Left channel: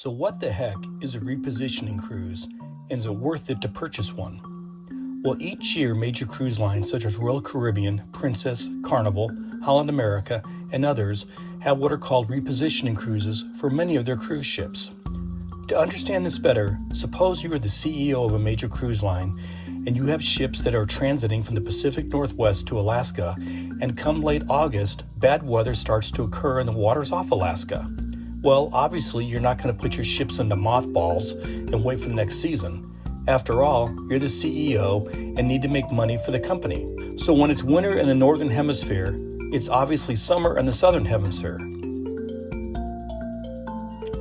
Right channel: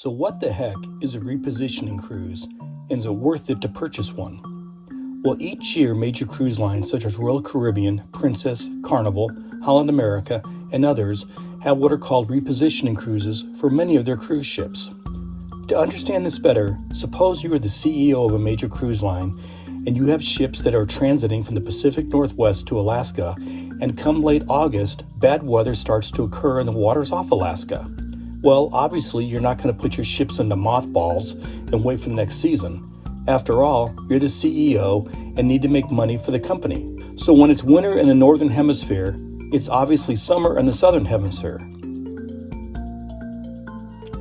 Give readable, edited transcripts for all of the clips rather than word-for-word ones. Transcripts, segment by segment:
So what the heck is a repositioning cruise, and is it worth it to purchase one? Well, each year major cruise lines such as Royal Caribbean, Princess, Carnival, Holland America, and others have what are called repositioning cruises for many of their cruise ships. To understand this better, suppose you are the CEO of a major cruise line and you have ships that are transiting from the Pacific Northwest to Alaska, and come late August, bad weather starts to occur in the waters off Alaska. Well, obviously, you're not going to put your ships into mothballs and wait for the next season. After all, you're the CEO and need to make money for the company. So when it's winter in the Northern Hemisphere, it's obviously summer in the Southern Hemisphere.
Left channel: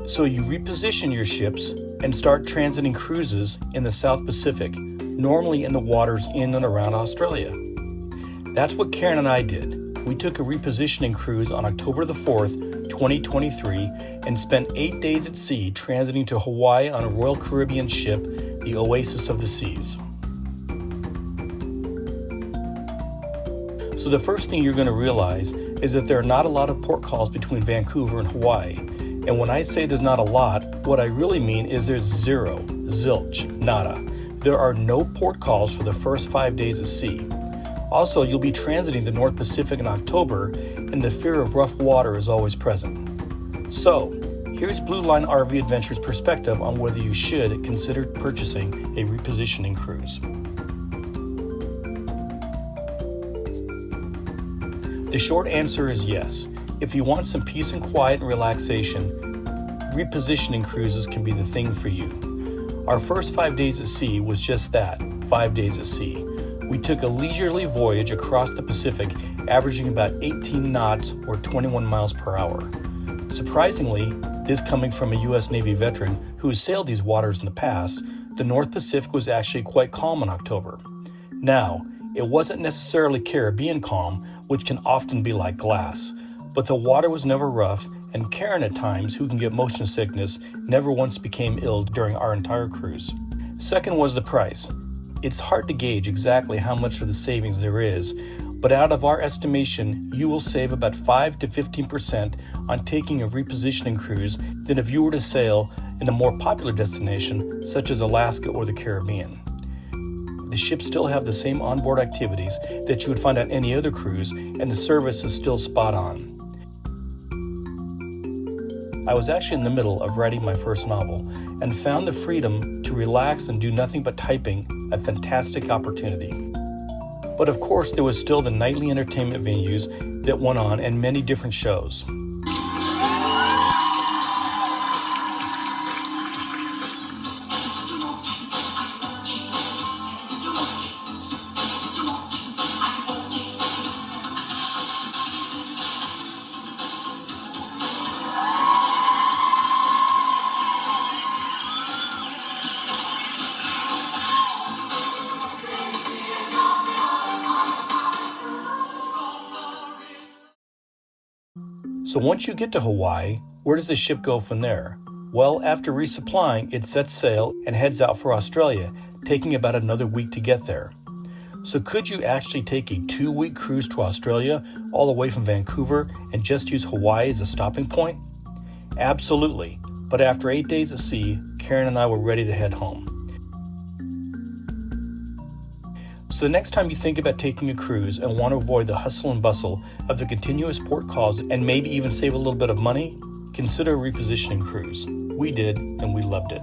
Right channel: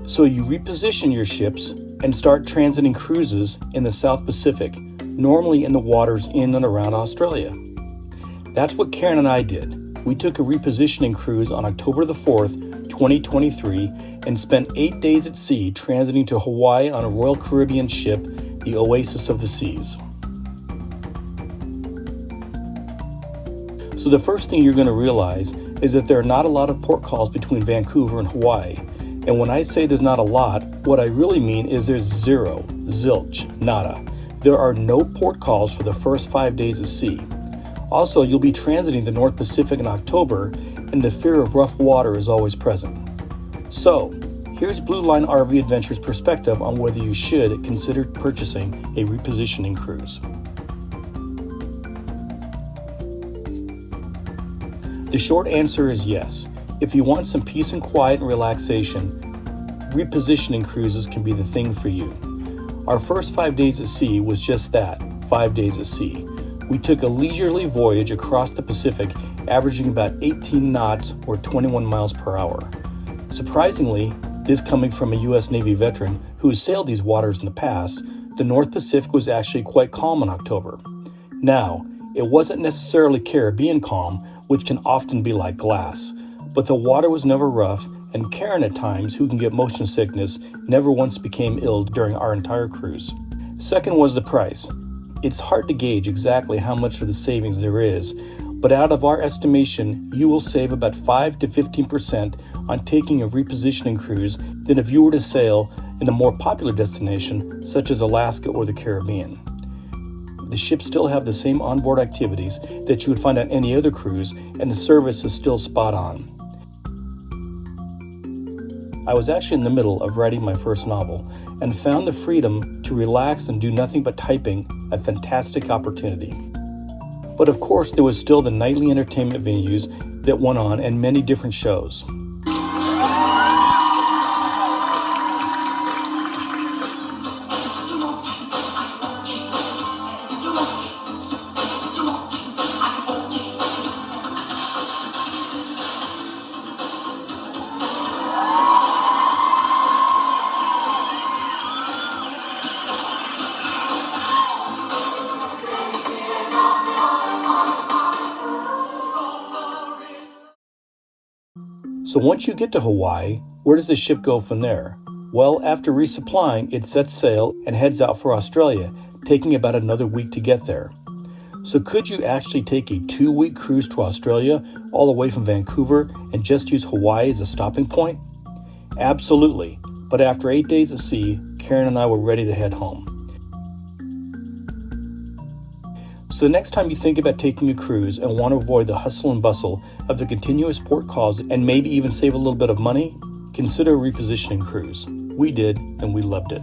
So you reposition your ships and start transiting cruises in the South Pacific, normally in the waters in and around Australia. That's what Karen and I did. We took a repositioning cruise on October the 4th, 2023, and spent 8 days at sea transiting to Hawaii on a Royal Caribbean ship, the Oasis of the Seas. So the first thing you're going to realize is that there are not a lot of port calls between Vancouver and Hawaii. And when I say there's not a lot, what I really mean is there's zero, zilch, nada. There are no port calls for the first 5 days at sea. Also, you'll be transiting the North Pacific in October, and the fear of rough water is always present. So, here's Blue Line RV Adventures' perspective on whether you should consider purchasing a repositioning cruise. The short answer is yes. If you want some peace and quiet and relaxation, repositioning cruises can be the thing for you. Our first 5 days at sea was just that, 5 days at sea. We took a leisurely voyage across the Pacific, averaging about 18 knots or 21 miles per hour. Surprisingly, this coming from a U.S. Navy veteran who has sailed these waters in the past, the North Pacific was actually quite calm in October. Now, it wasn't necessarily Caribbean calm, which can often be like glass, but the water was never rough, and Karen at times, who can get motion sickness, never once became ill during our entire cruise. Second was the price. It's hard to gauge exactly how much of the savings there is, but out of our estimation, you will save about 5 to 15% on taking a repositioning cruise than if you were to sail in a more popular destination such as Alaska or the Caribbean. The ships still have the same onboard activities that you would find on any other cruise, and the service is still spot on. I was actually in the middle of writing my first novel and found the freedom to relax and do nothing but typing a fantastic opportunity. But of course, there was still the nightly entertainment venues that went on and many different shows. So once you get to Hawaii, where does the ship go from there? Well, after resupplying, it sets sail and heads out for Australia, taking about another week to get there. So could you actually take a 2-week cruise to Australia all the way from Vancouver and just use Hawaii as a stopping point? Absolutely, but after 8 days at sea, Karen and I were ready to head home. So the next time you think about taking a cruise and want to avoid the hustle and bustle of the continuous port calls and maybe even save a little bit of money, consider a repositioning cruise. We did, and we loved it.